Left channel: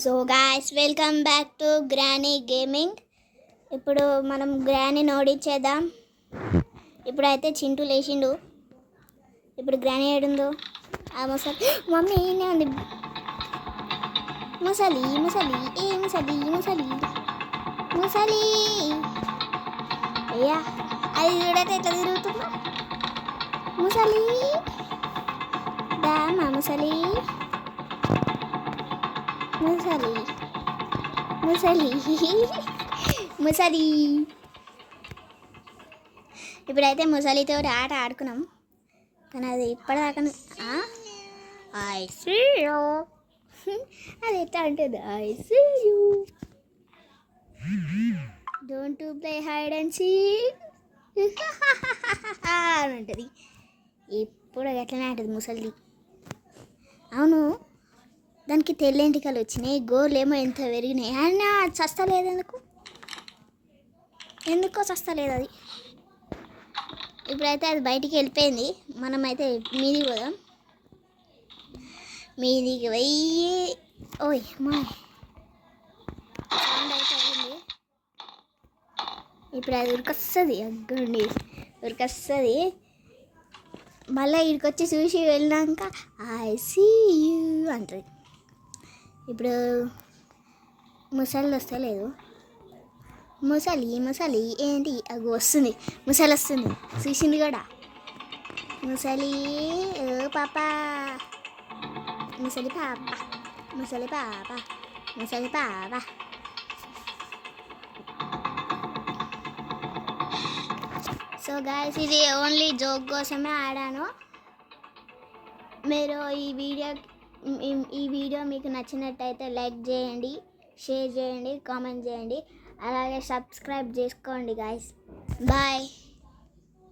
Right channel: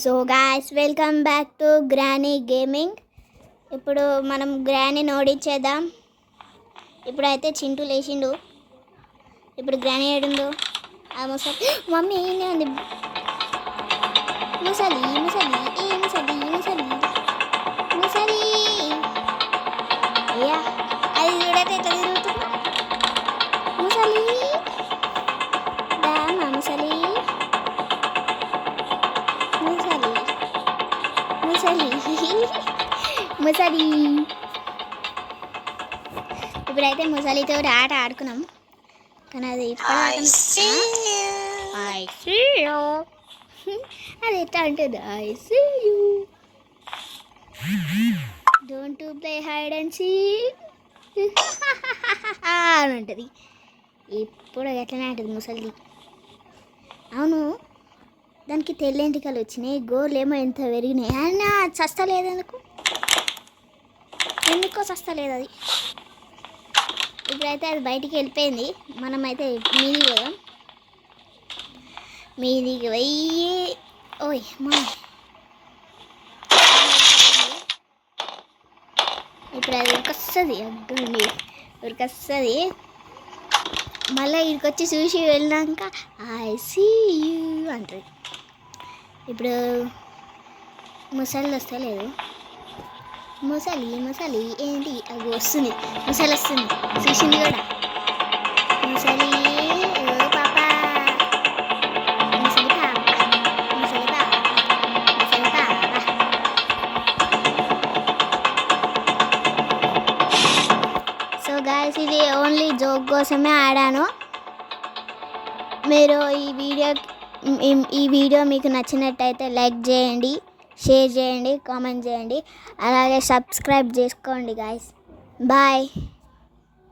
So guys welcome back to granny gaming. ఇప్పుడు మనం గ్రానీని ఓడించేద్దాం. ఇప్పుడైతే చింటూ లేచిండు. ఇప్పుడు గ్రానీ ఏడుందో ఆ ముసలి మమ్మీ ఈయనే ఉంది. ముసలి ముసలి ఏ ముసలి ముసలి ముసలి అయ్యా అది చూడైతే ఎట్లా తిరుగుతుందా ముసలి దామా ముసలి ముసలి ముసలి ముసలి. ఇప్పుడైతే ముసలితో ఆట ఆడుకున్నాం కానీ అది ఇప్పటిదాకా అది ఎట్లా ఉంటుంది I see you don't to play hide and seek అని ఉంటుంది. ఇప్పుడు ఎట్లనే ఉంటుంది ముసలి. అవును దానికి తెల్లెంటికలు వచ్చినాయి, గోర్లు ఏమో ఎంత పెరిగినాయి అయినా చస్తలేదు. ఎందుకో చస్తలేదు అది. ఇప్పుడైతే అది బయటికి వెళ్ళిపోయింది. మనమైతే మీదికి పోదాం. మీదికి పోయి ఓయ్ మా ఇప్పుడు అది ఉరికొస్తుంది. అగ్గండి ఉరికొస్తుంది. మళ్ళీ ఇక్కడికి చూసి వెళ్ళాక ఐ సీ యూ అంటుంది. ఇప్పుడు ముసలి వస్తలేదు. ముసలి ముసలి ఏంటి అది వస్తుంది. ముసలి వస్తుంది చూసింది కూడా. ముసలి ఓ పాప ముసలి పాప ముసలి పాప ముసలి పాప. సో గాయ్స్ ఇది ఓన్లీ జోక్ కోసమే ఆడాను. మీరు ఈ వీడియో మీకు నచ్చినట్టయితే లైక్ చేయండి, షేర్ చేయండి, కామెంట్ చేయండి, అలాగే సబ్స్క్రైబ్ చేసుకోండి గాయ్స్. బాయ్.